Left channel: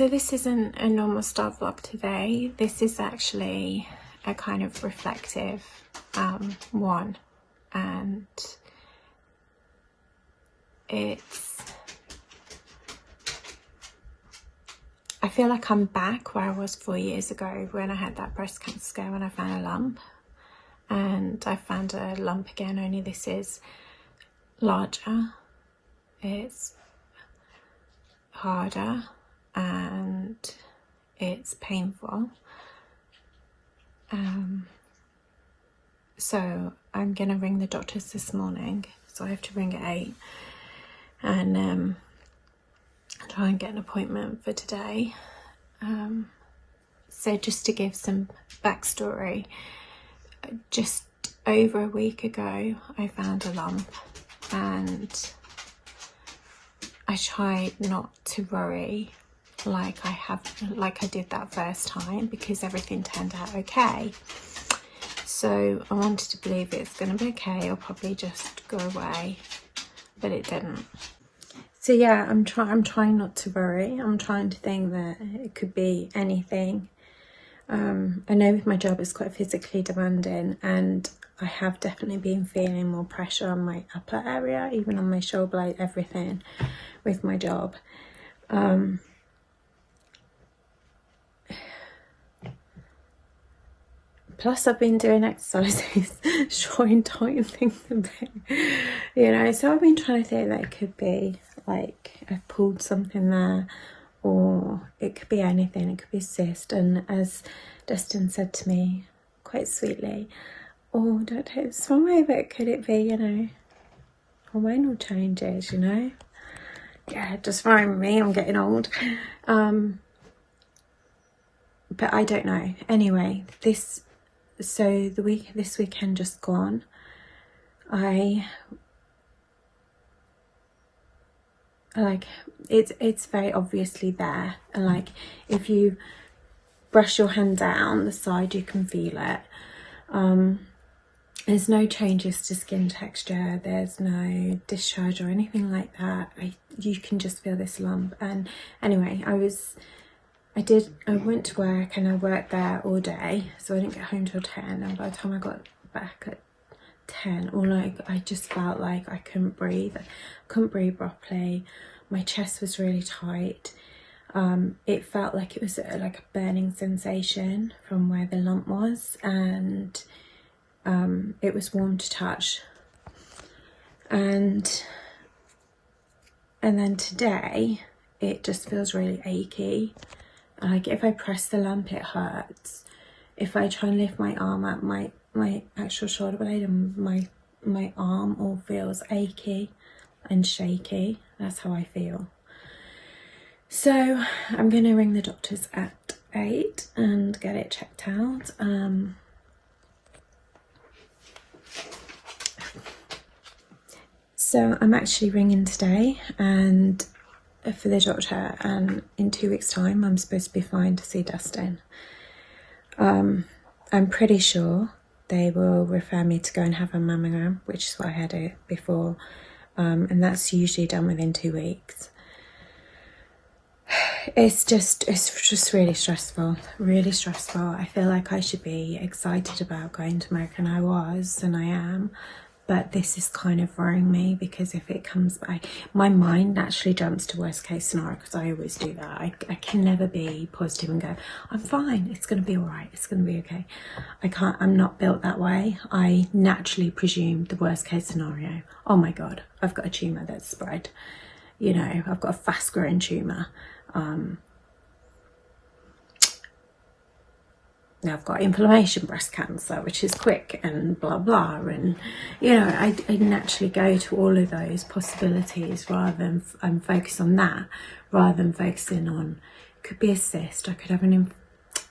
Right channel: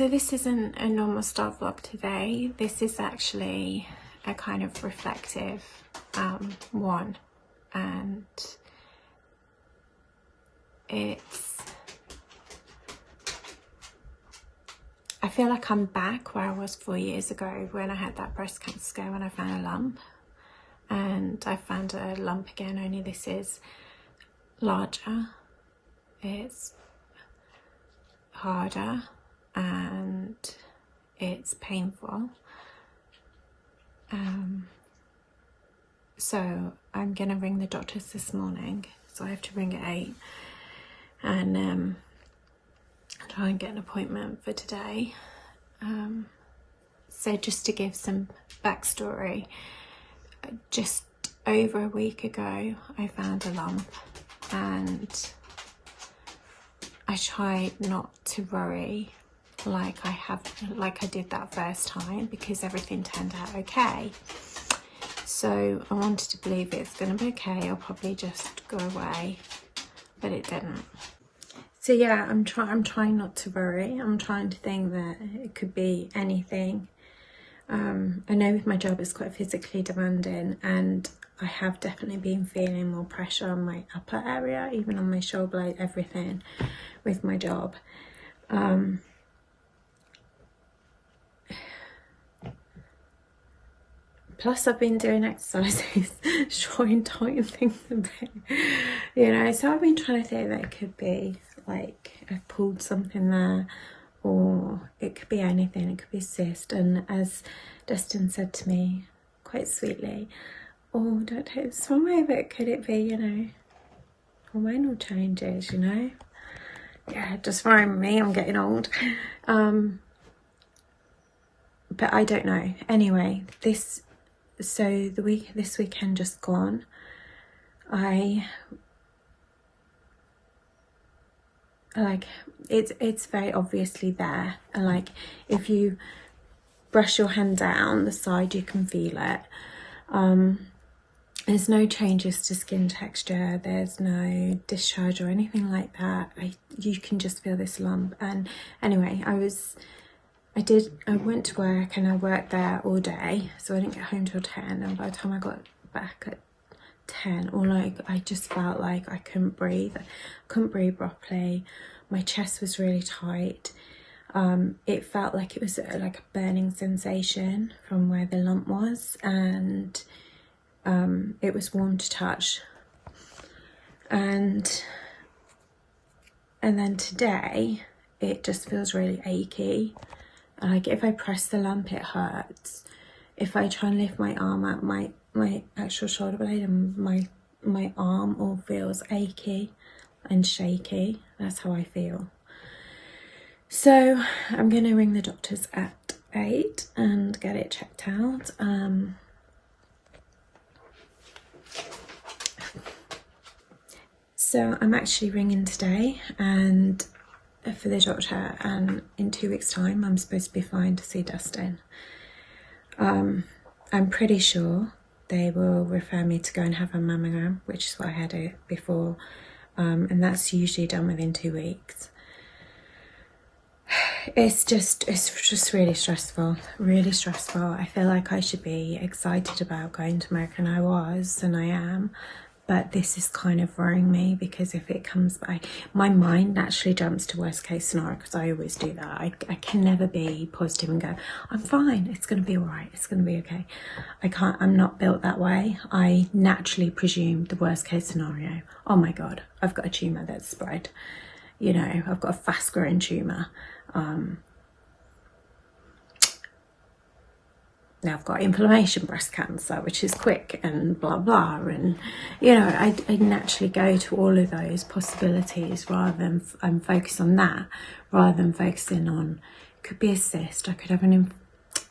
So this isn't a normal start vlog today. This is actually a kind of reflective one, and I feel like I'm back where I was 4 years ago when I had that breast cancer scare, when I found a lump. And I found a lump again, only this is larger, it's harder, and it's painful. So I'm gonna ring the doctors this morning, so I have to ring at 8 and try and get an appointment for today. So just to give some backstory, just over a week ago I found a lump, and I tried not to worry like I did that first time, because everything turned out okay. So I wanted to believe it's going to be okay, I'll probably just go away, but it didn't. So yeah, I'm trying not to worry. I'm trying to think that it could be anything. I know with my job it's quite physically demanding, and I have definitely been feeling more pressure on my upper area, even on my shoulder blade, everything with my job. Plus I've been doing exercises trying to tighten things a bit, you know, so I've been trying to think that it could be like I've pulled something there, or it could be anything, it could be a cyst. And as Dustin said to me quite sweetly, oh, don't take this wrong way, but could it be, you know, hormonal changes, you know? Yeah, just remind me I'm getting old. But I don't know. Anyway, this weekend just gone, it's very obviously there. Like if you brush your hand down the side, you can feel it. There's no changes to skin texture, there's no discharge or anything like that. You can just feel this lump. And anyway, I went to work and I worked there all day, so I didn't get home till 10, and by the time I got back at 10, I just felt like I couldn't breathe properly. My chest was really tight. It felt like it was like a burning sensation from where the lump was, and it was warm to touch. And then today it just feels really achy. Like if I press the lump, it hurts. If I try and lift my arm up, my actual shoulder blade and my arm all feels achy and shaky. That's how I feel. So I'm going to ring the doctors at 8 and get it checked out. So I'm actually ringing today and for the doctor, and in 2 weeks time I'm supposed to be flying to see Dustin. I'm pretty sure they will refer me to go and have a mammogram, which is what I had it before, and that's usually done within 2 weeks. It's just really stressful. I feel like I should be excited about going to America, and I was, and I am. But this is kind of worrying me, because if it comes back, my mind naturally jumps to worst case scenario, because I always do that. I can never be positive and go, I'm fine, it's going to be all right, it's going to be okay. I'm not built that way. I naturally presume the worst case scenario. Oh my God, I've got a tumour that's spread. You know, I've got a fast growing tumour. Now I've got inflammation breast cancer, which is quick and blah blah, and you know, I naturally go to all of those possibilities rather than focus on that, rather than focusing on, it could be a cyst, I could have an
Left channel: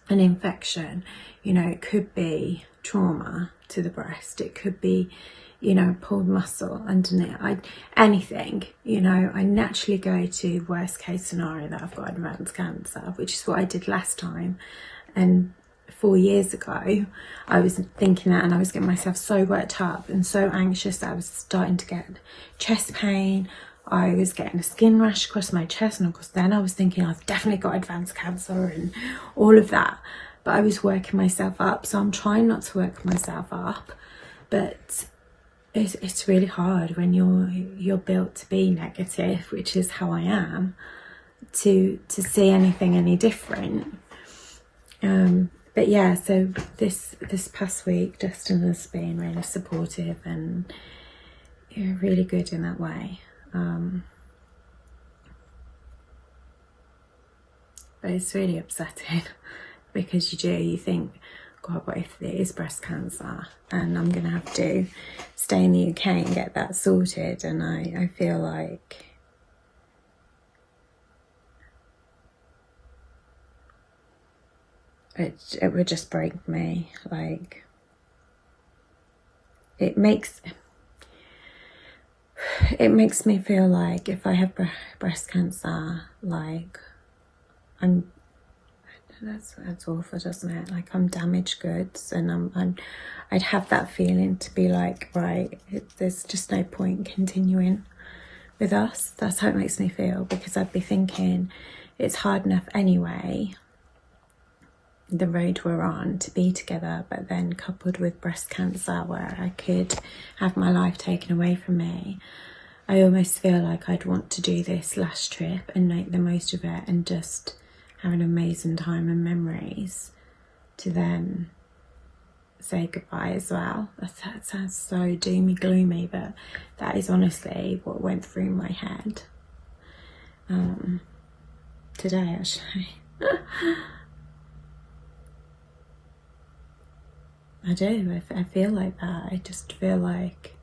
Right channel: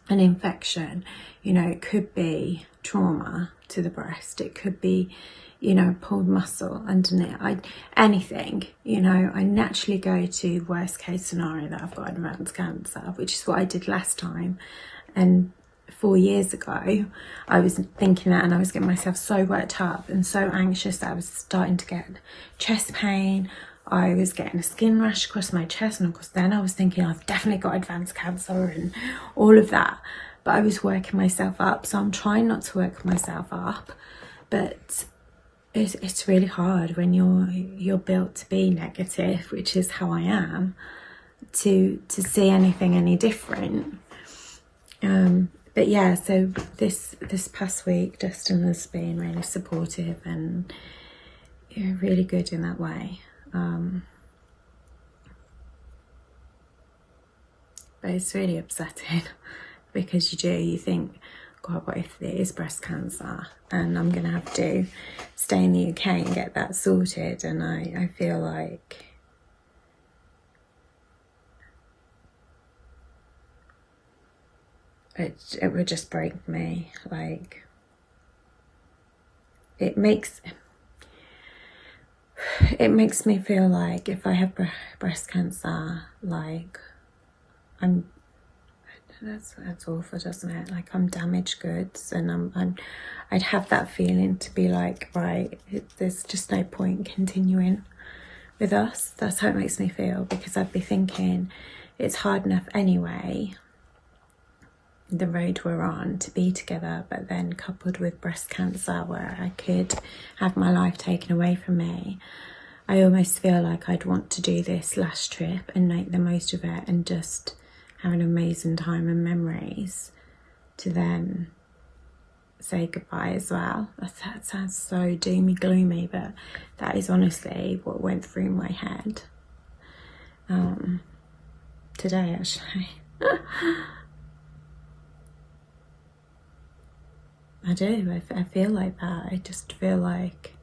infection, you know, it could be trauma to the breast, it could be, you know, pulled muscle underneath, anything, you know. I naturally go to worst case scenario, that I've got advanced cancer, which is what I did last time. And 4 years ago I was thinking that, and I was getting myself so worked up and so anxious that I was starting to get chest pain, I was getting a skin rash across my chest, and of course then I was thinking I've definitely got advanced cancer and all of that, but I was working myself up. So I'm trying not to work myself up, but it's really hard when you're built to be negative, which is how I am, to see anything any different. But yeah, so this past week Dustin has been really supportive and really good in that way. But it's really upsetting because you think, God, what if it is breast cancer and I'm gonna have to stay in the UK and get that sorted? And I feel like it would just break me. Like, it makes me feel like if I have breast cancer, like that's awful, doesn't it? Like I'm damaged goods, and I'd have that feeling to be like, right, there's just no point continuing with us. That's how it makes me feel, because I'd be thinking it's hard enough anyway, the road we're on, to be together, but then coupled with breast cancer where I could have my life taken away from me, I almost feel like I'd want to do this last trip and make the most of it and just have an amazing time and memories to then say goodbye as well. That sounds so doomy gloomy, but that is honestly what went through my head today, actually. I do. I feel like that. I just feel like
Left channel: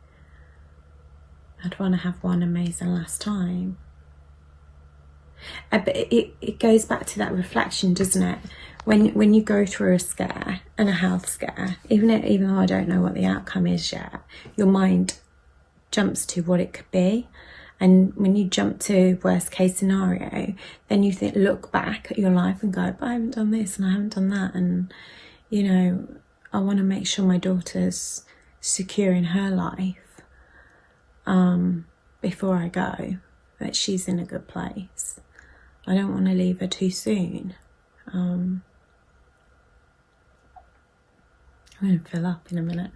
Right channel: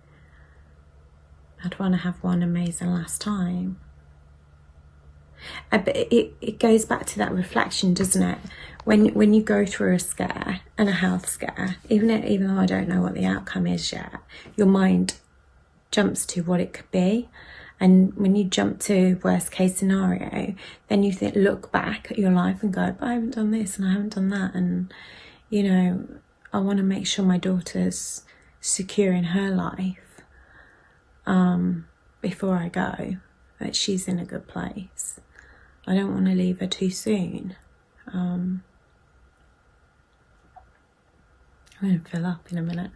I'd want to have one amazing last time. But it goes back to that reflection, doesn't it? When you go through a scare and a health scare, even though I don't know what the outcome is yet, your mind jumps to what it could be. And when you jump to worst case scenario, then you look back at your life and go, but I haven't done this and I haven't done that, and you know, I want to make sure my daughter's secure in her life before I go, that she's in a good place. I don't want to leave her too soon. I'm going to fill up in a minute.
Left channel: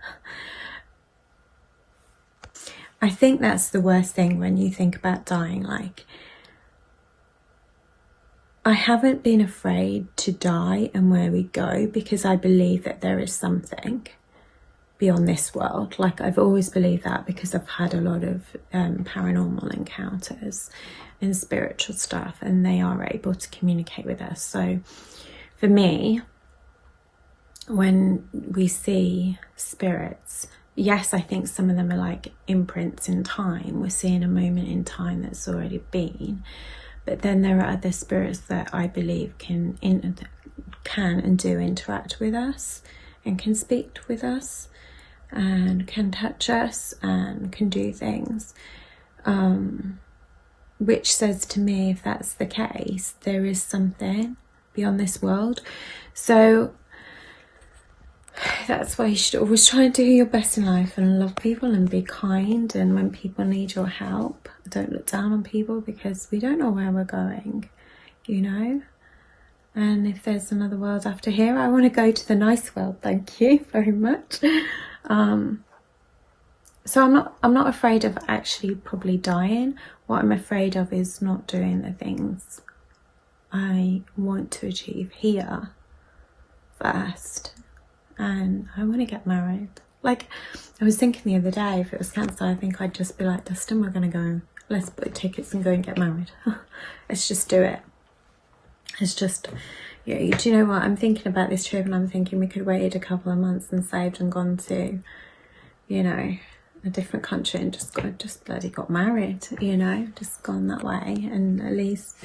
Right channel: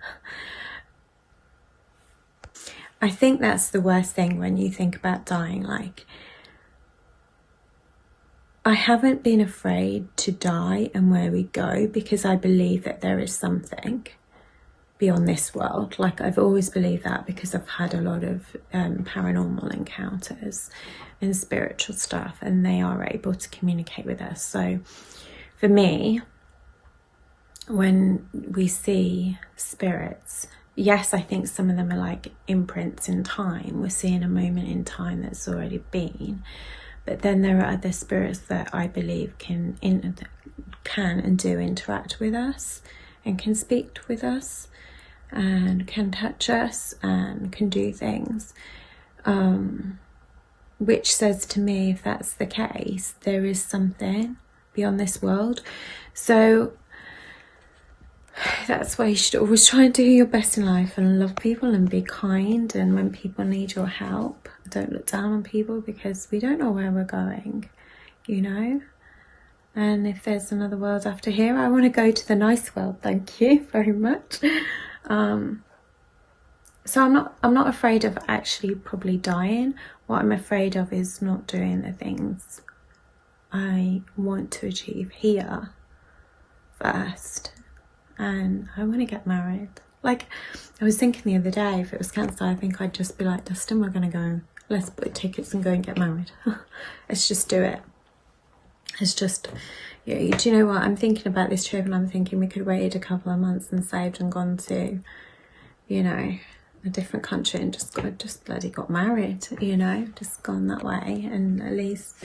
I think that's the worst thing when you think about dying. Like, I haven't been afraid to die and where we go, because I believe that there is something beyond this world. Like, I've always believed that, because I've had a lot of paranormal encounters and spiritual stuff, and they are able to communicate with us. So for me, when we see spirits, yes, I think some of them are like imprints in time. We're seeing a moment in time that's already been. But then there are other spirits that I believe can and do interact with us, and can speak with us, and can touch us, and can do things. Which says to me, if that's the case, there is something beyond this world. So that's why you should always try and do your best in life and love people and be kind. And when people need your help, don't look down on people, because we don't know where we're going, you know. And if there's another world after here, I want to go to the nice world. Thank you very much. So I'm not afraid of actually probably dying. What I'm afraid of is not doing the things I want to achieve here first. And I want to get married. Like, I was thinking the other day, if it was cancer, I think I'd just be like, Dustin, we're going to go, let's book tickets and go and get married. Let's just do it. It's just, yeah, do you know what? I'm thinking about this trip, and I'm thinking we could waited a couple of months and saved and gone to, you know, a different country and just bloody got married, you know, just gone that way. And at least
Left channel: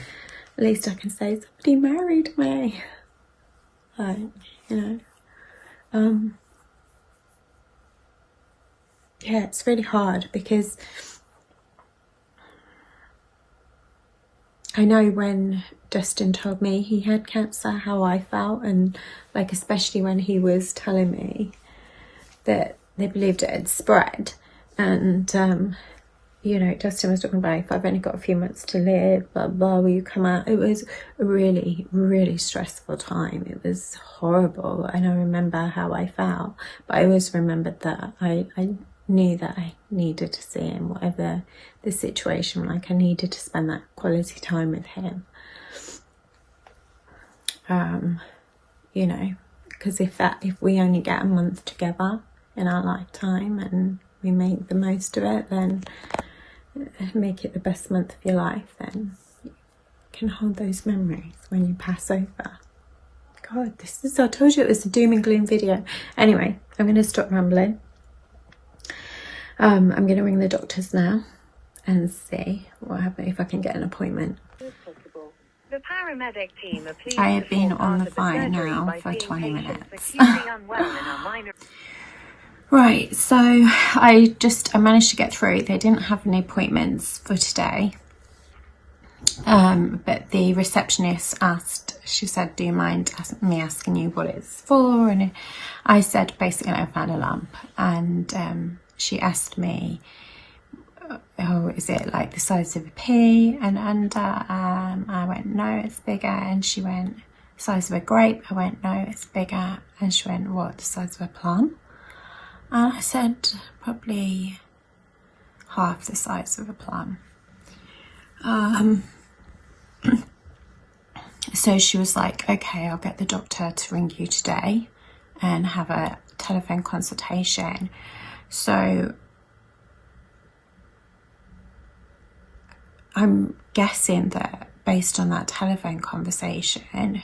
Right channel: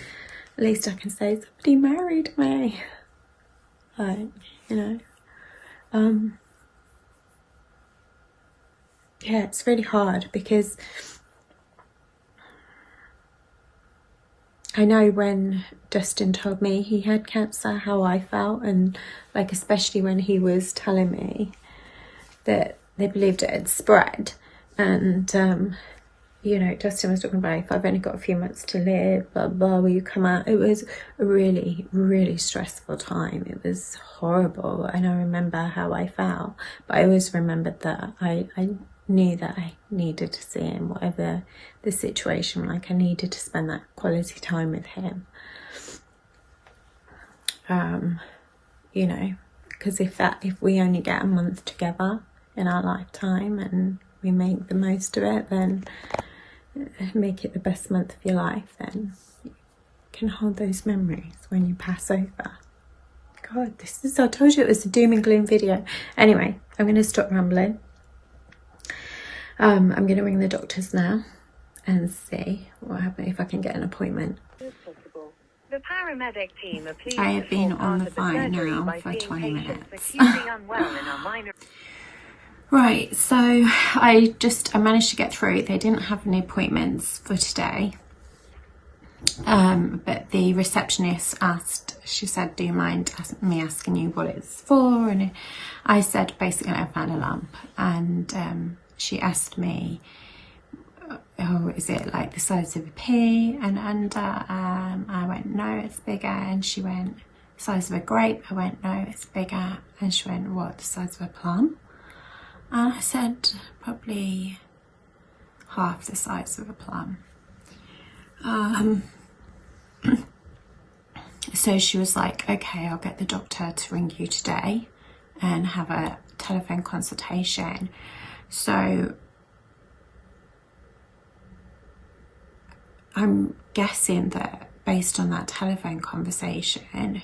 I can say somebody married me. Like, you know. Yeah, it's really hard, because I know when Dustin told me he had cancer, how I felt, and like especially when he was telling me that they believed it had spread, and you know, Dustin was talking about, if I've only got a few months to live, blah, blah, will you come out? It was a really, really stressful time. It was horrible. And I remember how I felt, but I always remembered that I knew that I needed to see him, whatever the situation, like I needed to spend that quality time with him. You know, because if we only get a month together in our lifetime and we make the most of it, then make it the best month of your life, then you can hold those memories when you pass over. God, I told you it was a doom and gloom video. Anyway, I'm going to stop rambling. I'm going to ring the doctors now and see what happens, if I can get an appointment. The paramedic team are pleased I have been on the phone now for 20 minutes. Right, so I managed to get through. They didn't have any appointments for today. But the receptionist asked, she said, do you mind me asking you what it's for? And I said, basically, I found a lump. And she asked me, oh, is it like the size of a pea and under? I went, no, it's bigger. And she went, size of a grape? I went, no, it's bigger. And she went, what, the size of a plum? And I said, probably half the size of a plum. So she was like, okay, I'll get the doctor to ring you today and have a telephone consultation. So I'm guessing that based on that telephone conversation,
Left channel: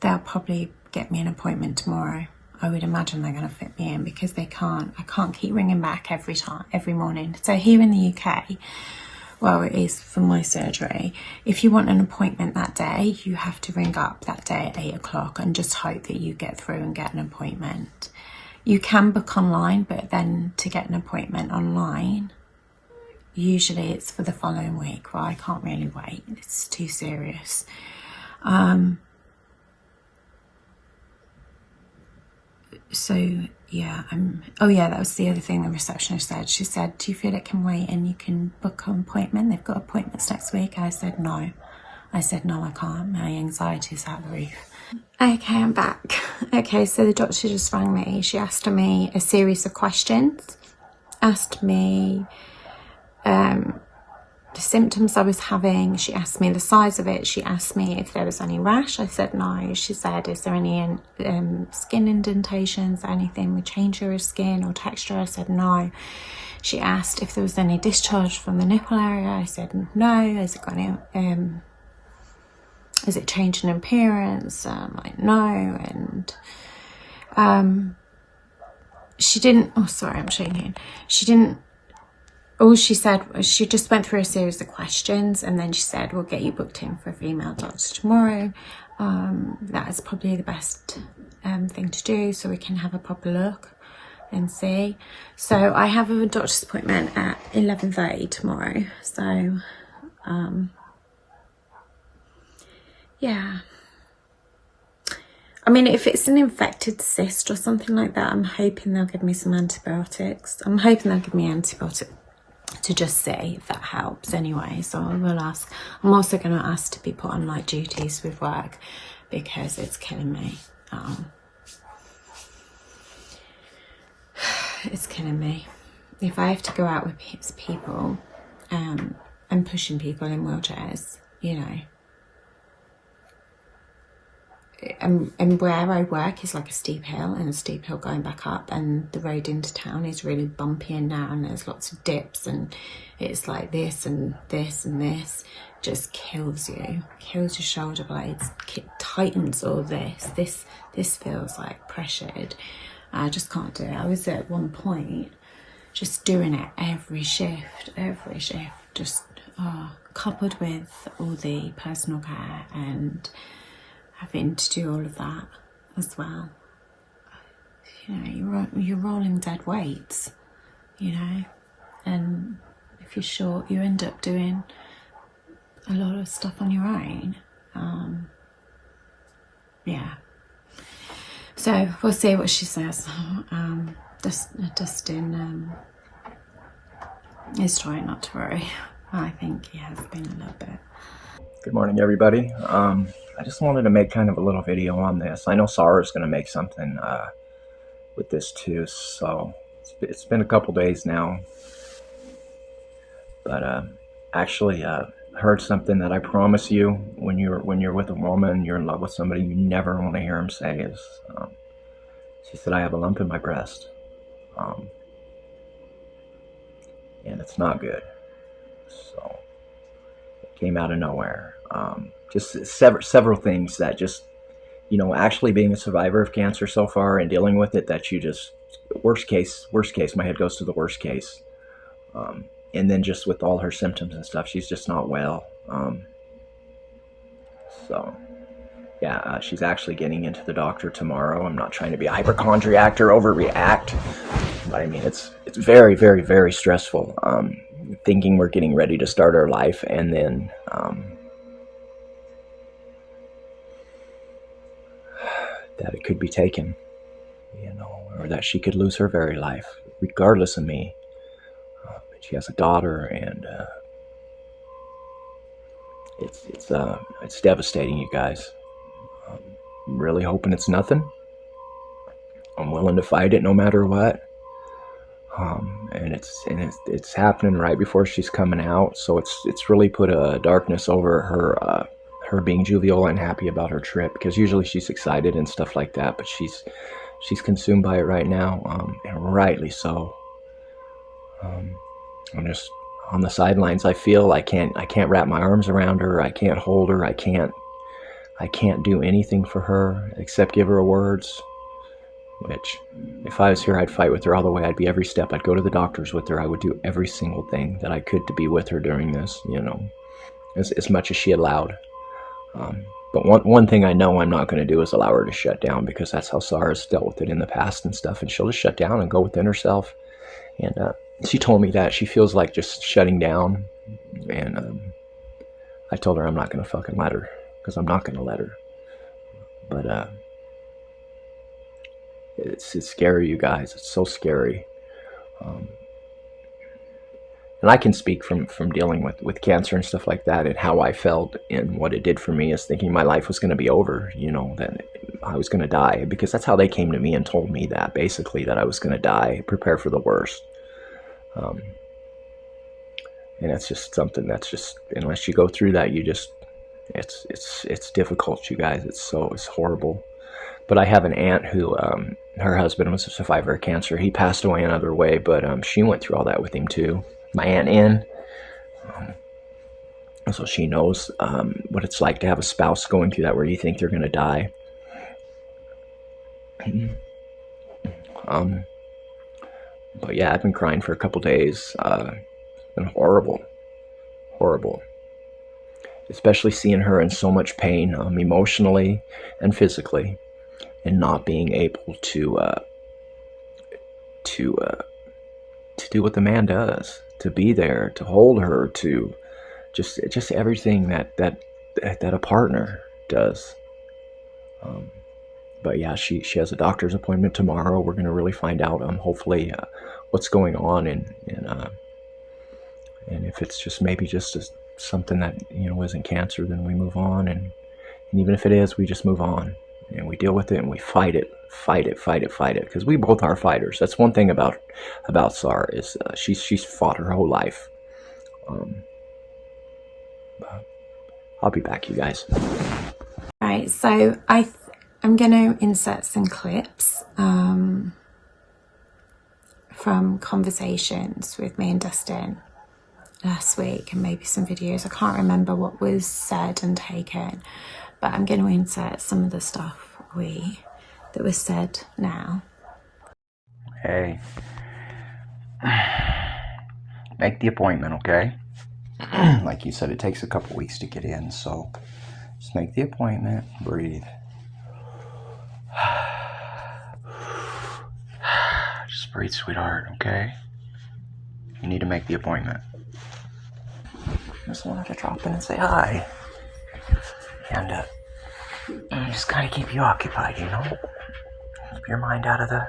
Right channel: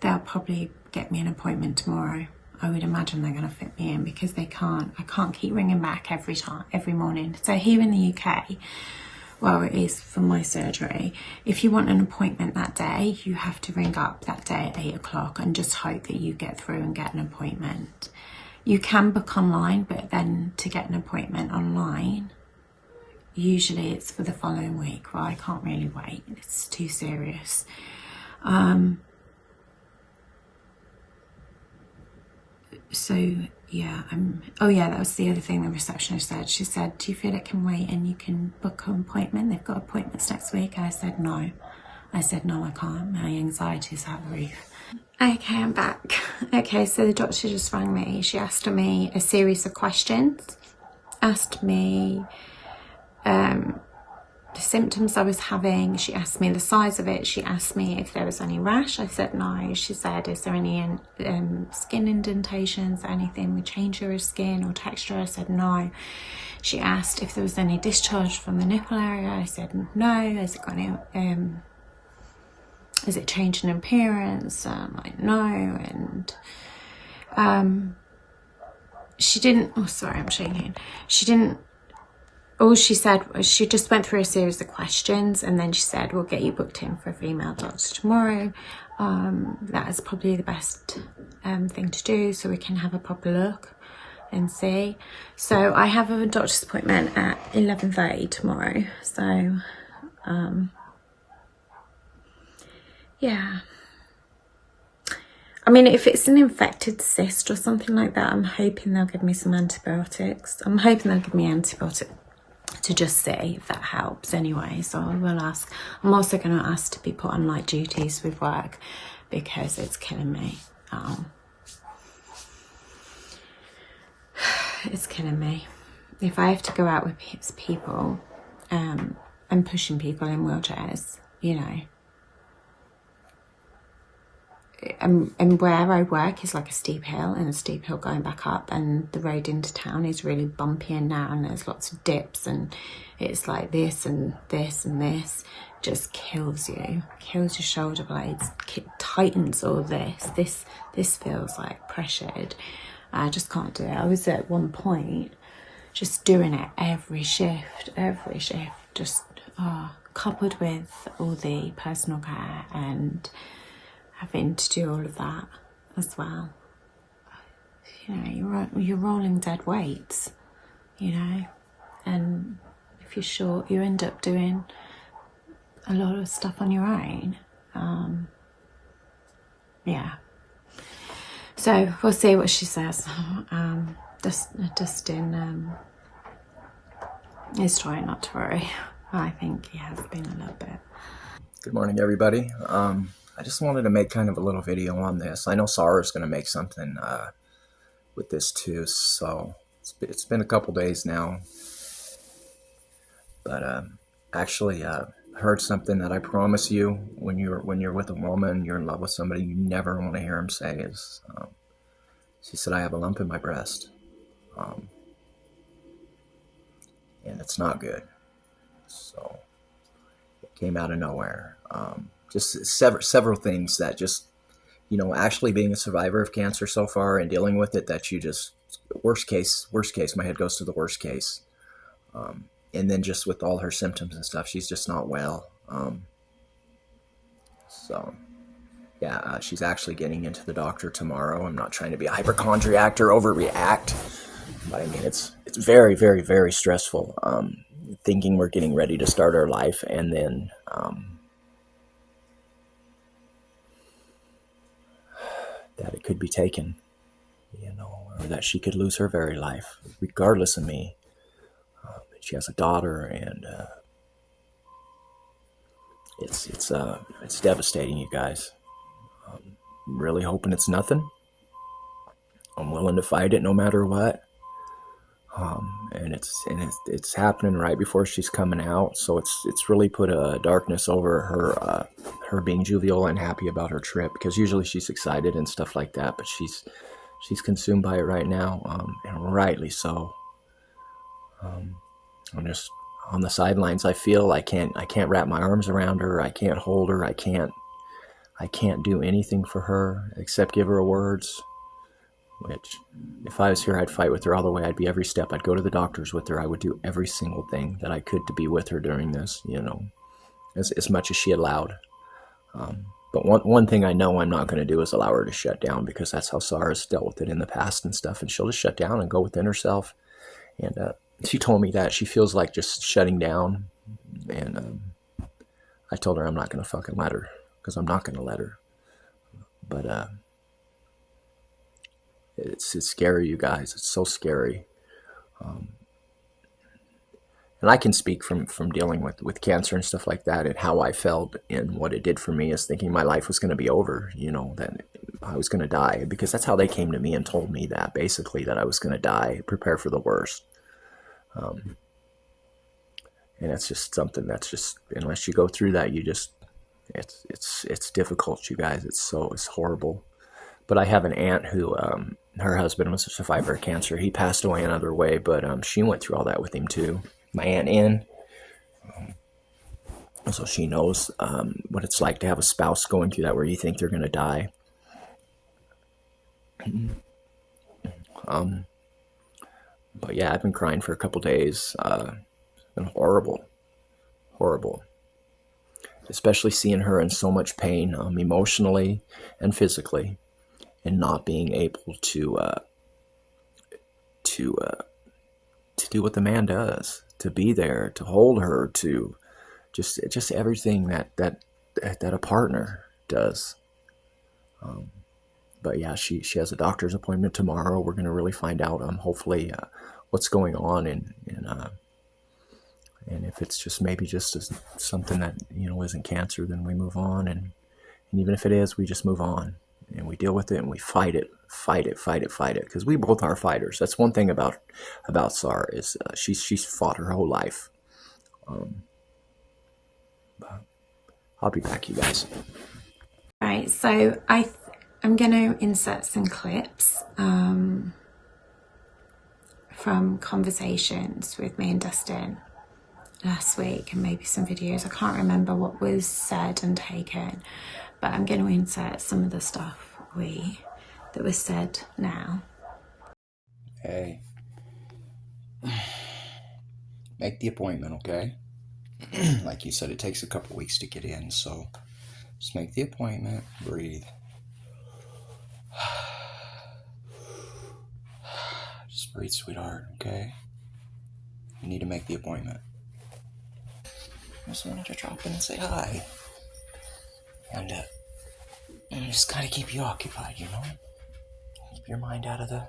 they'll probably get me an appointment tomorrow. I would imagine they're going to fit me in, because I can't keep ringing back every morning. So here in the UK, well, it is for my surgery, if you want an appointment that day, you have to ring up that day at 8 o'clock and just hope that you get through and get an appointment. You can book online, but then to get an appointment online, usually it's for the following week. Well, I can't really wait. It's too serious. So yeah, oh yeah, that was the other thing the receptionist said. She said, do you feel it can wait and you can book an appointment? They've got appointments next week. I said, no. I said, no, I can't. My anxiety is out the roof. Okay, I'm back. Okay, so the doctor just rang me. She asked me a series of questions. Asked me the symptoms I was having. She asked me the size of it. She asked me if there was any rash. I said no. She said, is there any skin indentations, anything with change of skin or texture? I said no. She asked if there was any discharge from the nipple area. I said no. Has it got any is it changed in appearance? Like no. And she didn't, oh sorry, I'm shaking. She didn't, all she said was, she just went through a series of questions and then she said, we'll get you booked in for a female doctor tomorrow. That is probably the best thing to do, so we can have a proper look and see. So I have a doctor's appointment at 11:30 tomorrow. So yeah. I mean, if it's an infected cyst or something like that, I'm hoping they'll give me some antibiotics. I'm hoping they'll give me antibiotics to just see if that helps anyway. So I will ask. I'm also going to ask to be put on light duties with work because it's killing me. It's killing me. If I have to go out with people and pushing people in wheelchairs, you know, and where I work is like a steep hill and a steep hill going back up, and the road into town is really bumpy and narrow and there's lots of dips, and it's like this and this and this just kills you, kills your shoulder blades, tightens all this feels like pressured. I just can't do it. I was at one point just doing it every shift, just coupled with all the personal care and having to do all of that as well. You know, you're rolling dead weights, you know, and if you're short, you end up doing a lot of stuff on your own. Yeah. So we'll see what she says. Dustin He's trying not to worry. I think he has been a little bit. Good morning, everybody. I just wanted to make kind of a little video on this. I know Sarah's going to make something with this too, so it's been a couple days now. But actually heard something that I promise you, when you're with a woman, you're in love with somebody, you never want to hear them say is, she said, I have a lump in my breast. And it's not good. So it came out of nowhere. Just several things that just, you know, actually being a survivor of cancer so far and dealing with it, that you just, worst case, my head goes to the worst case. And then just with all her symptoms and stuff, she's just not well. So yeah, she's actually getting into the doctor tomorrow. I'm not trying to be a hypochondriac or overreact, but I mean, it's very, very, very stressful. Thinking we're getting ready to start our life, and then that it could be taken, you know, or that she could lose her very life, regardless of me. She has a daughter, and it's devastating, you guys. I'm really hoping it's nothing. I'm willing to fight it no matter what. And it's happening right before she's coming out, so it's really put a darkness over her being jovial and happy about her trip, because usually she's excited and stuff like that, but she's consumed by it right now, and rightly so. I'm just on the sidelines. I feel I can't wrap my arms around her. I can't hold her. I can't do anything for her except give her words. Which, if I was here, I'd fight with her all the way. I'd be every step. I'd go to the doctors with her. I would do every single thing that I could to be with her during this, you know, as much as she allowed. But one thing I know I'm not going to do is allow her to shut down, because that's how Sarah's dealt with it in the past and stuff. And she'll just shut down and go within herself. And she told me that she feels like just shutting down. And I told her I'm not going to fucking let her, because I'm not going to let her. But it's scary, you guys. It's so scary. And I can speak from dealing with cancer and stuff like that, and how I felt and what it did for me, is thinking my life was going to be over, you know, that I was going to die, because that's how they came to me and told me that, basically, that I was going to die, prepare for the worst. And it's just something that's just, unless you go through that, you just, it's difficult, you guys. It's horrible. But I have an aunt who, her husband was a survivor of cancer. He passed away another way, but she went through all that with him too. My Aunt Ann. So she knows what it's like to have a spouse going through that, where you think they're going to die. But yeah, I've been crying for a couple days. It's been horrible. Horrible. Especially seeing her in so much pain, emotionally and physically, and not being able to do what the man does, to be there, to hold her, to just everything that a partner does. But yeah, she has a doctor's appointment tomorrow. We're going to really find out, hopefully, what's going on, and if it's just maybe just something that, you know, isn't cancer, then we move on, and even if it is, we just move on, and we deal with it, and we fight it, because we both are fighters. That's one thing about Sarah, is she's fought her whole life. I'll be back, you guys. Right, so I'm going to insert some clips from conversations with me and Dustin last week, and maybe some videos. I can't remember what was said and taken, but I'm going to insert some of the stuff that was said now. Hey, make the appointment, okay? Like you said, it takes a couple weeks to get in, so just make the appointment, breathe. Just breathe, sweetheart, okay? You need to make the appointment. Just wanted to drop in and say hi. And just kind of keep you occupied, you know? Keep your mind out of the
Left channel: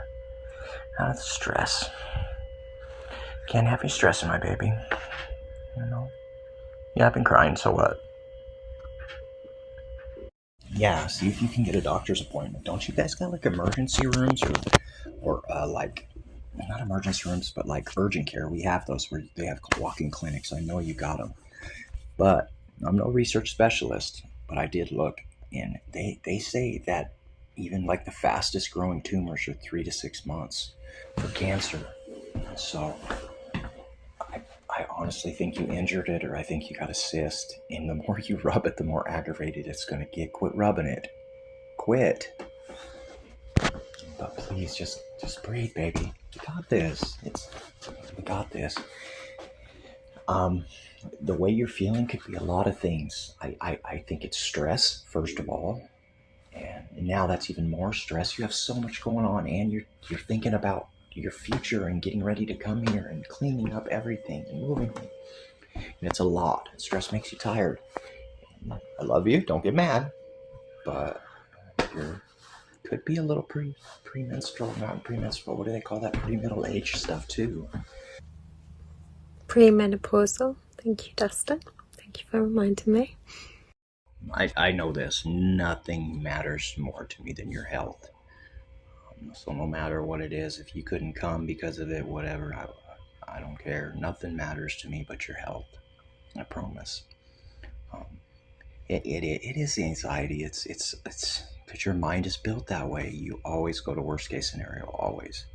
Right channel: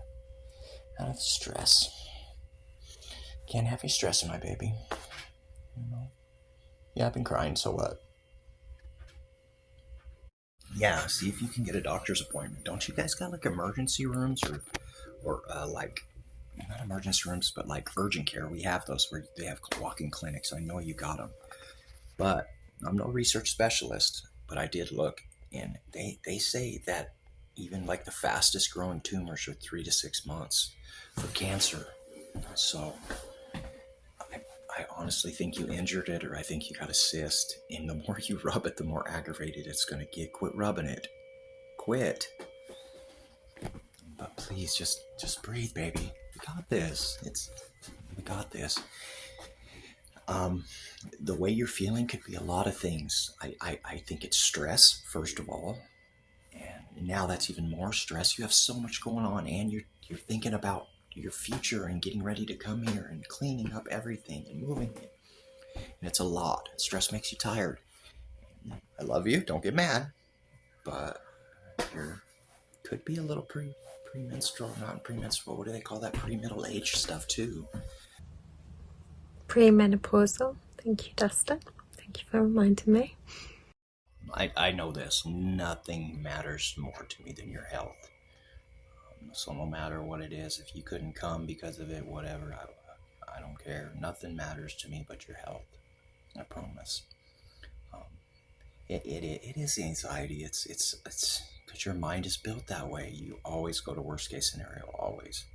stress. Can't have you stressing, my baby. You know? Yeah, I've been crying, so what? Yeah, see if you can get a doctor's appointment. Don't you guys got like emergency rooms or like, not emergency rooms, but like urgent care? We have those where they have walk-in clinics. I know you got them. But I'm no research specialist, but I did look, and they say that even like the fastest growing tumors are 3 to 6 months for cancer. So I honestly think you injured it, or I think you got a cyst. And the more you rub it, the more aggravated it's going to get. Quit rubbing it. Quit. But please, just breathe, baby. You got this. We got this. The way you're feeling could be a lot of things. I think it's stress, first of all. And now that's even more stress. You have so much going on, and you're thinking about your future and getting ready to come here and cleaning up everything and moving. And it's a lot. Stress makes you tired. I love you. Don't get mad. But you could be a little premenstrual, not premenstrual. What do they call that? Pre-middle age stuff too. Premenopausal. Thank you, Dustin. Thank you for reminding me. I know this. Nothing matters more to me than your health. So no matter what it is, if you couldn't come because of it, whatever, I don't care. Nothing matters to me but your health. I promise. It is the anxiety. It's because your mind is built that way. You always go to worst case scenario. Always.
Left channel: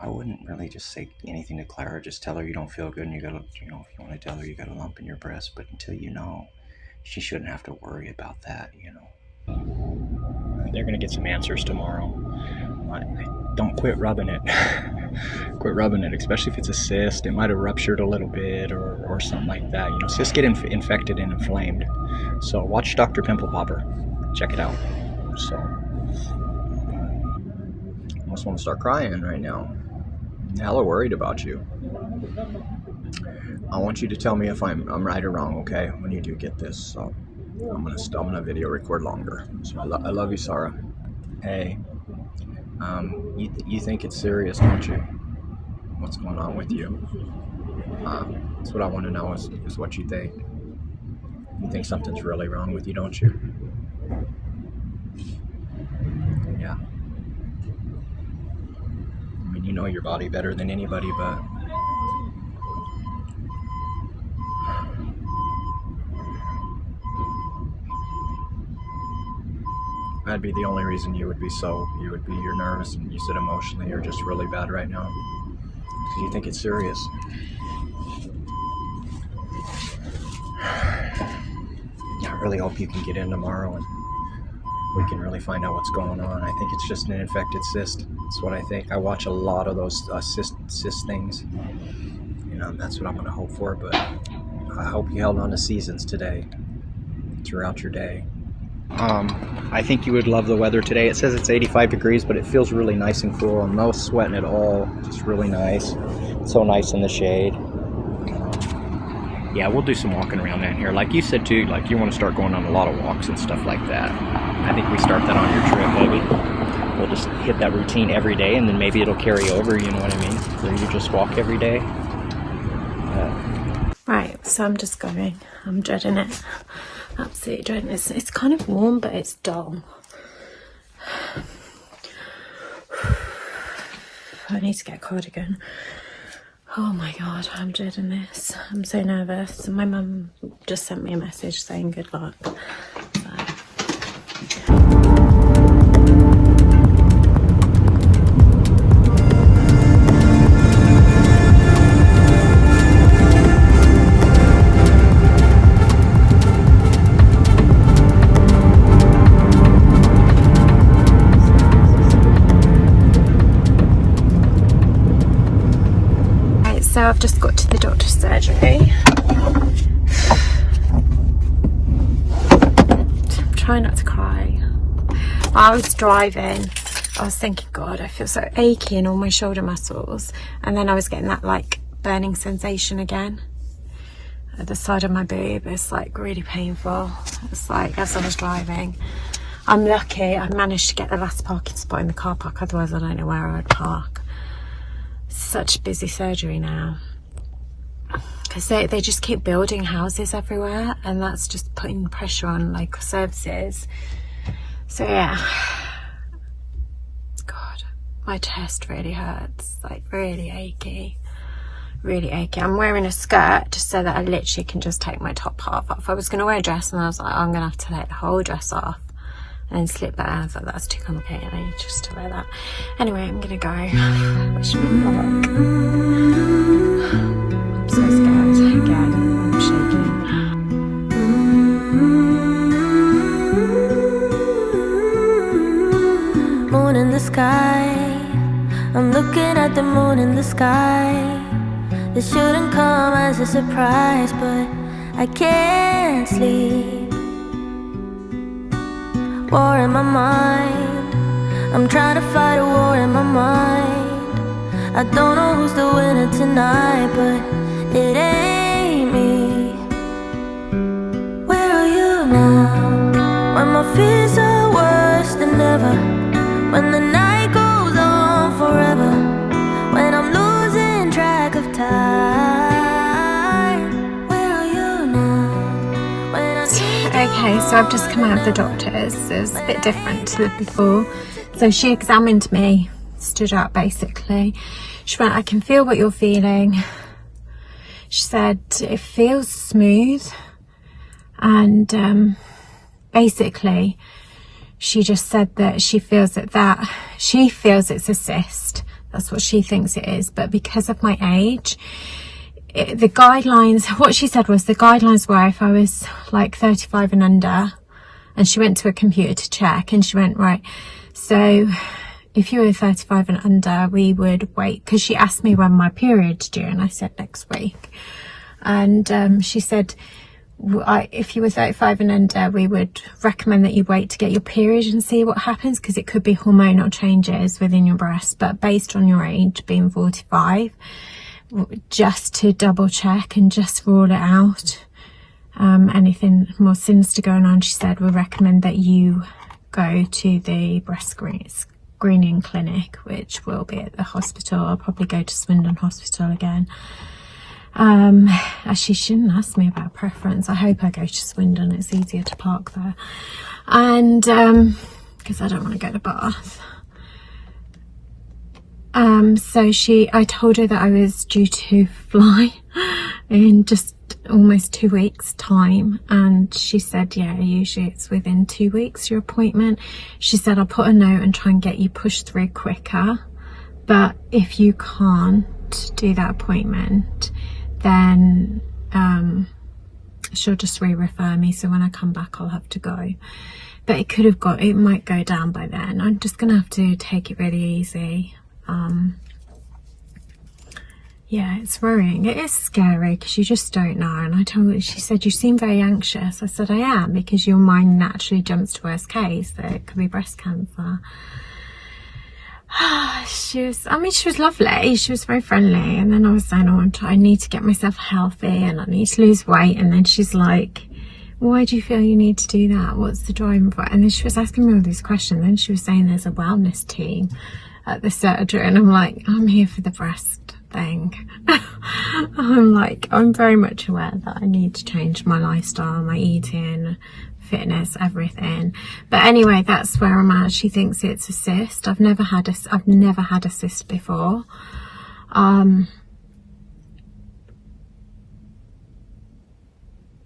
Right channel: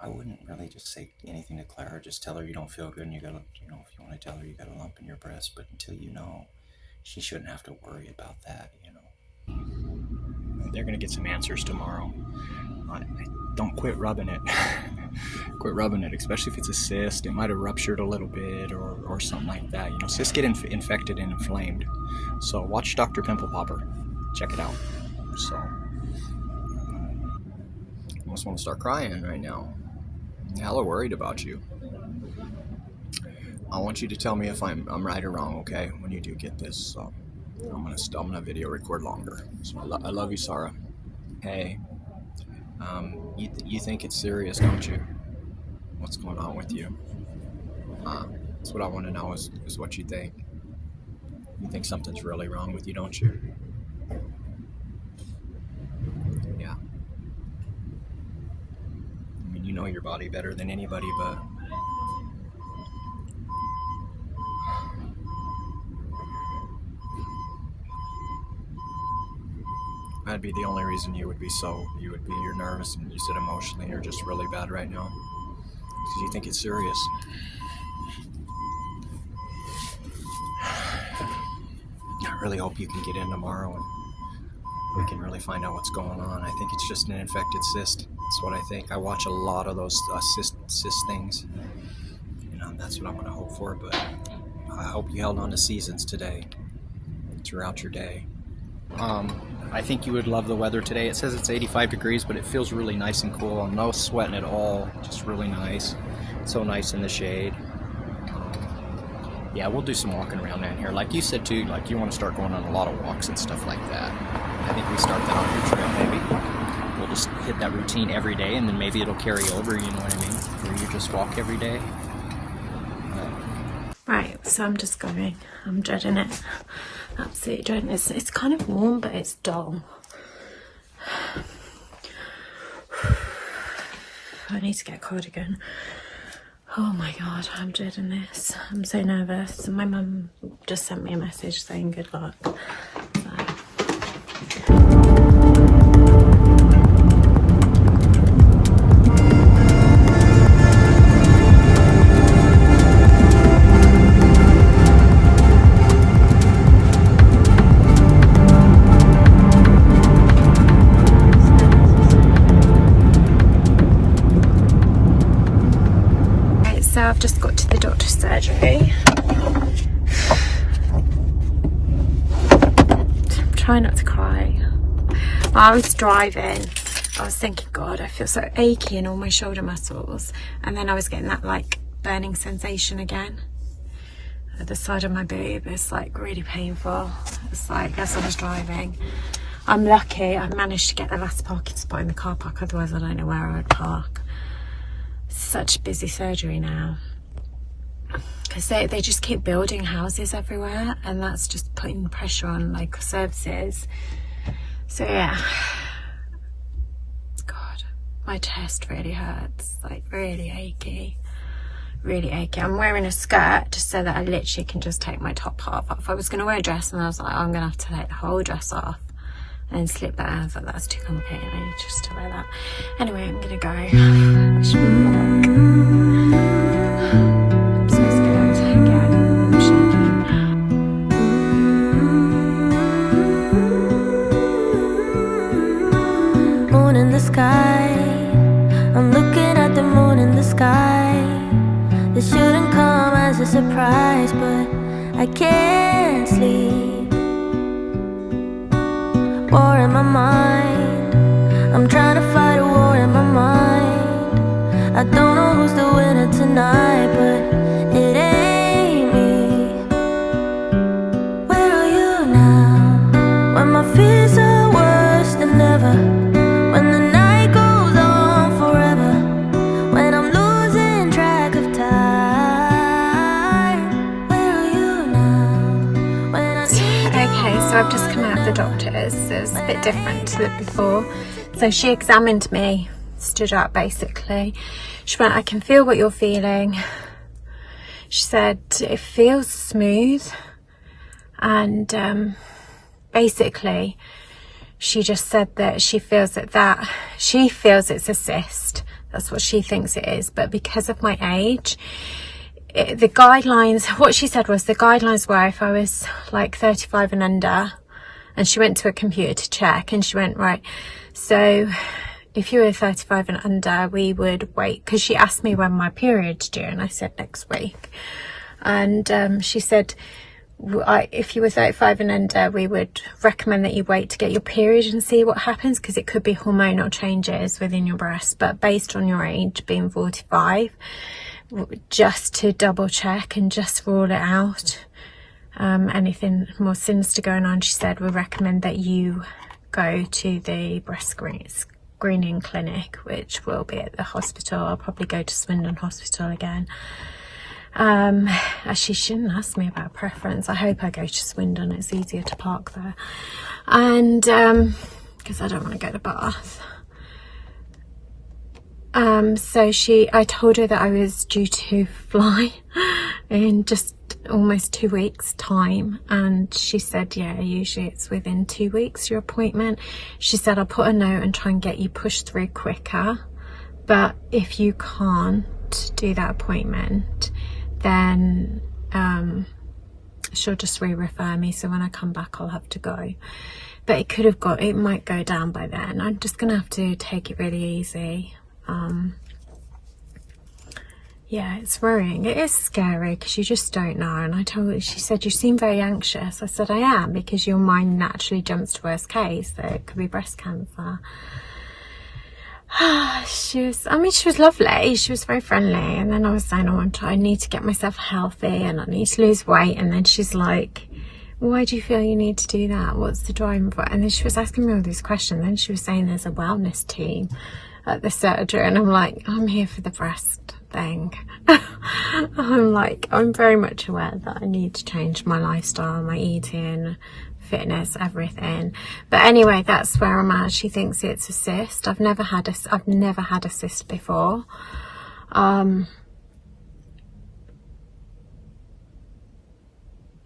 I wouldn't really just say anything to Clara. Just tell her you don't feel good, and you gotta, if you want to tell her you got a lump in your breast. But until you know, she shouldn't have to worry about that. They're gonna get some answers tomorrow. Don't quit rubbing it. Quit rubbing it, especially if it's a cyst. It might have ruptured a little bit or something like that. Cysts get infected and inflamed. So watch Dr. Pimple Popper. Check it out. So I almost want to start crying right now. Hella worried about you. I want you to tell me if I'm right or wrong, okay? When you do get this, so I'm gonna video record longer. So I love you, Sarah. Hey, you think it's serious, don't you? What's going on with you? That's what I want to know is what you think. You think something's really wrong with you, don't you? Yeah. I mean, you know your body better than anybody, but that'd be the only reason you're nervous, and you said emotionally you're just really bad right now because you think it's serious. I really hope you can get in tomorrow and we can really find out what's going on. I think it's just an infected cyst. That's what I think. I watch a lot of those cyst things. That's what I'm going to hope for, but I hope you held on to seasons today, throughout your day. I think you would love the weather today. It says it's 85 degrees, but it feels really nice and cool. I'm no sweating at all. Just really nice. So nice in the shade. Yeah, we'll do some walking around down here. Like you said too, like you want to start going on a lot of walks and stuff like that. I think we start that on your trip, baby. We'll just hit that routine every day, and then maybe it'll carry over, you know what I mean? Where you just walk every day. Right, so I'm just going. I'm dreading it. Absolutely dreading it. It's kind of warm, but it's dull. I need to get a cardigan. Oh my god, I'm dreading this. I'm so nervous. My mum just sent me a message saying good luck. So I've just got to the doctor's surgery. I'm trying not to cry. While I was driving, I was thinking, God, I feel so achy in all my shoulder muscles. And then I was getting that like burning sensation again at the side of my boob. It's like really painful. It's like as I was driving. I'm lucky I managed to get the last parking spot in the car park, otherwise I don't know where I would park. So such busy surgery now, because they just keep building houses everywhere, and that's just putting pressure on local services. So yeah, God, my chest really hurts, like really achy. I'm wearing a skirt just so that I literally can just take my top half off. I was going to wear a dress, and I was like, I'm going to have to take the whole dress off and slip that out. I thought that's too complicated, I need just to wear that. Anyway, I'm going to go. I should be back. I'm so scared again. I'm shaking. Moon in the sky, I'm looking at the moon in the sky. It shouldn't come as a surprise, but I can't sleep. War in my mind, I'm trying to fight a war in my mind. I don't know who's the winner tonight, but it ain't me. Where are you now, when my fears are worse than ever, when the night goes on forever, when I'm losing track of time? Where are you now, when I need you? Okay, so I've just come out of the doctor's. It was a bit different to before. So she examined me, stood up basically. She went, I can feel what you're feeling. She said, it feels smooth. And basically, she just said that she feels she feels it's a cyst. That's what she thinks it is. But because of my age, the guidelines, what she said was the guidelines were if I was like 35 and under, and she went to a computer to check, and she went, right, so if you were 35 and under, we would wait, because she asked me when my period's due, and I said next week. And she said, if you were 35 and under, we would recommend that you wait to get your period and see what happens, because it could be hormonal changes within your breast. But based on your age being 45, just to double check and just rule it out, anything more sinister going on, she said, we recommend that you go to the breast screening clinic, which will be at the hospital. I'll probably go to Swindon Hospital again. Actually, she shouldn't ask me about preference. I hope I go to Swindon, it's easier to park there. And because I don't want to go to Bath. So I told her that I was due to fly in just almost 2 weeks time, and she said, yeah, usually it's within 2 weeks your appointment. She said, I'll put a note and try and get you pushed through quicker, but if you can't do that appointment, then she'll just re-refer me, so when I come back I'll have to go. But it might go down by then. I'm just gonna have to take it really easy. Yeah, it's worrying. It is scary because you just don't know. And I told her, she said, you seem very anxious. I said, I am, because your mind naturally jumps to worst case, that it could be breast cancer. She was lovely. She was very friendly. And then I was saying, I need to get myself healthy and I need to lose weight. And then she's like, why do you feel you need to do that? What's the driving point? And then she was asking me all these questions. Then she was saying there's a wellness team at the surgery. And I'm like, I'm here for the breast thing. I'm very much aware that I need to change my lifestyle, my eating, fitness, everything. But anyway, that's where I'm at. She thinks it's a cyst. I've never had a cyst before.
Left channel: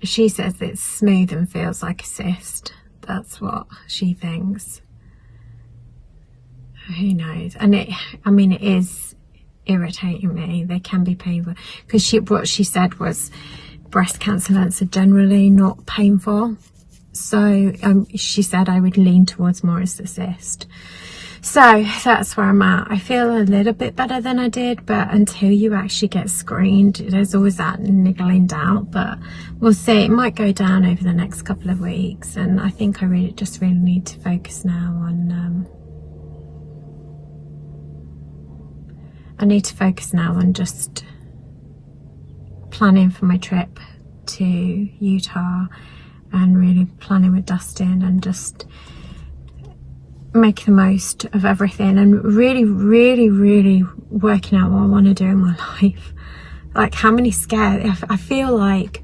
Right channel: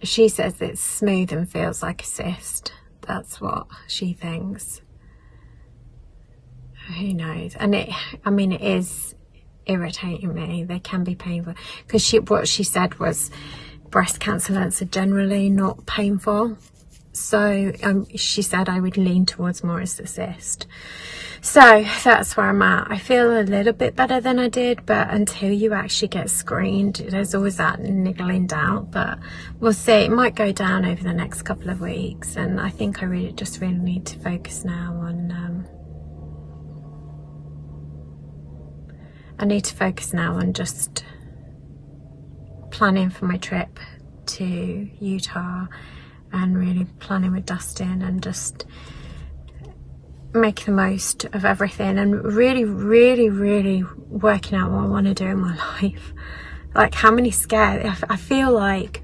She says it's smooth and feels like a cyst. That's what she thinks. Who knows? And it is irritating me. They can be painful, because what she said was breast cancer are generally not painful. So she said I would lean towards more as a cyst. So that's where I'm at. I feel a little bit better than I did, but until you actually get screened, there's always that niggling doubt. But we'll see. It might go down over the next couple of weeks, and I think I really need to focus now on just planning for my trip to Utah, and really planning with Dustin, and just make the most of everything and really, really, really working out what I want to do in my life. Like, how many scares, I feel like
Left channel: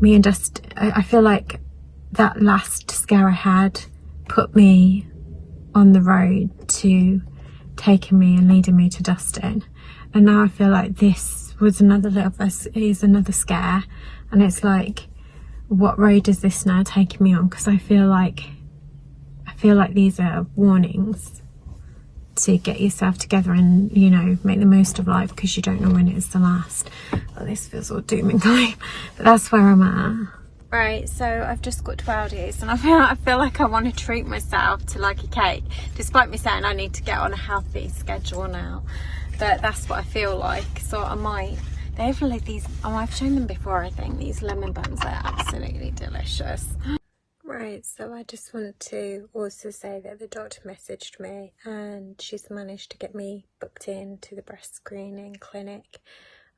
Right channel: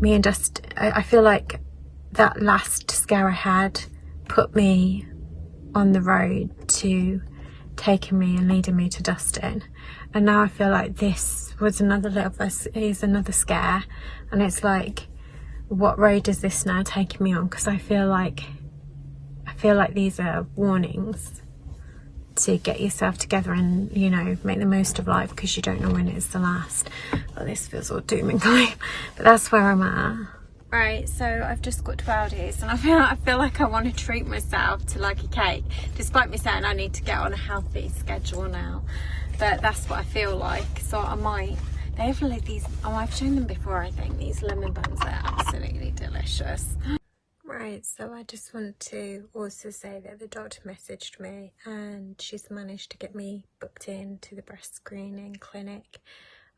me and Dust, I feel like that last scare I had put me on the road to taking me and leading me to Dustin, and now I feel like this was another is another scare, and it's like, what road is this now taking me on? Because I feel like these are warnings to get yourself together and, you know, make the most of life, because you don't know when it's the last. Well, this feels all doom and gloom, but that's where I'm at. Right, so I've just got to Aldi's and I feel like I want to treat myself to like a cake, despite me saying I need to get on a healthy schedule now. But that's what I feel like. So I might. They have like these, oh, I've shown them before, I think, these lemon buns. They're absolutely delicious. Right, so I just wanted to also say that the doctor messaged me and she's managed to get me booked in to the breast screening clinic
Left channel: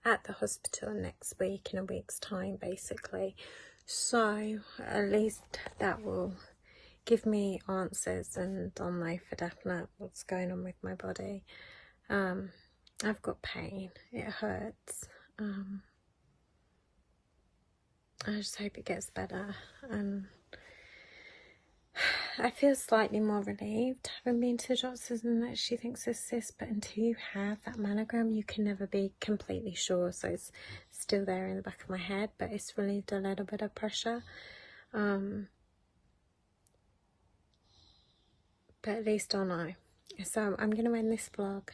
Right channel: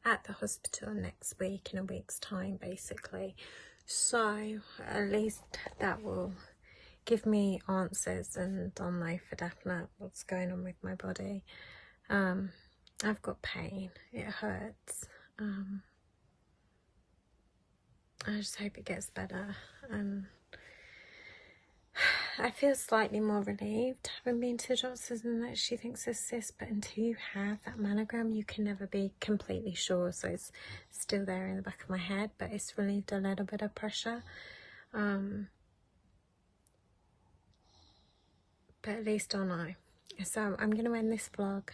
at the hospital next week, in a week's time basically. So at least that will give me answers, and I'll know for definite what's going on with my body. I've got pain, it hurts. I just hope it gets better. I feel slightly more relieved having been to the doctors and that she thinks it's cyst, but until you have that mammogram you can never be completely sure, so it's still there in the back of my head, but it's relieved a little bit of pressure. But at least I'll know. So I'm going to end this vlog.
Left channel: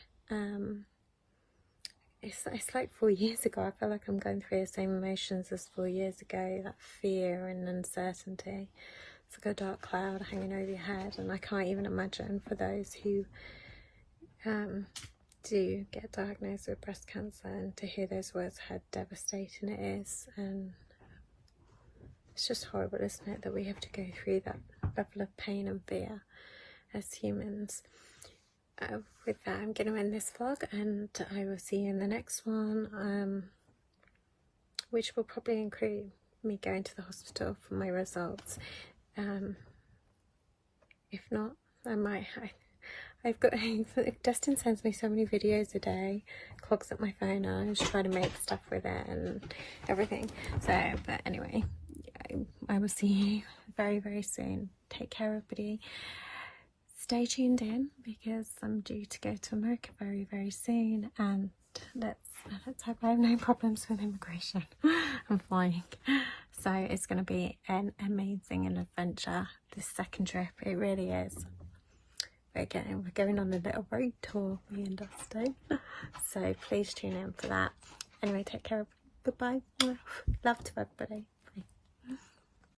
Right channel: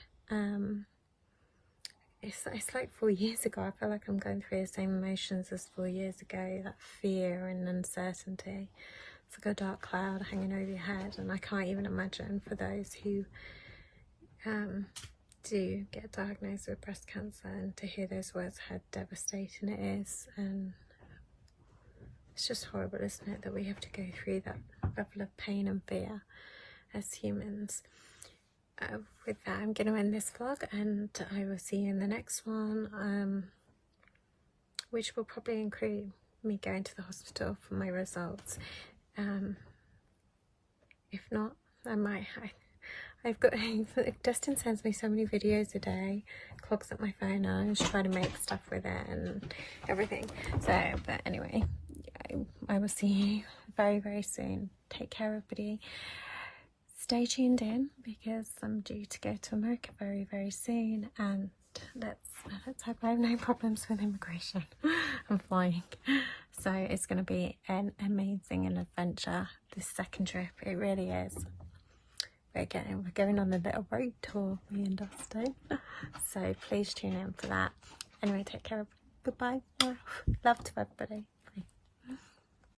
It's like 4 years ago. I feel like I'm going through the same emotions as 4 years ago, that fear and uncertainty. It's like a dark cloud hanging over your head, and I can't even imagine for those who do get diagnosed with breast cancer, and to hear those words, how devastating it is. And it's just horrible, isn't it, that we have to go through that level of pain and fear as humans. With that, I'm going to end this vlog, and I will see you in the next one, which will probably include me going to the hospital for my results. If not, I might. I've got Dustin sends me so many videos a day, clogs up my phone, and I just try to make stuff with it and everything. So, but anyway, I will see you very, very soon. Take care, everybody. Stay tuned in, because I'm due to go to America very, very soon, and let's hope I have no problems with immigration. I'm flying, so it's going to be an amazing adventure, this second trip. It really is. We're going on a little road tour, me and Dustin, so please tune in for that. Anyway, take care. Goodbye. Love to everybody.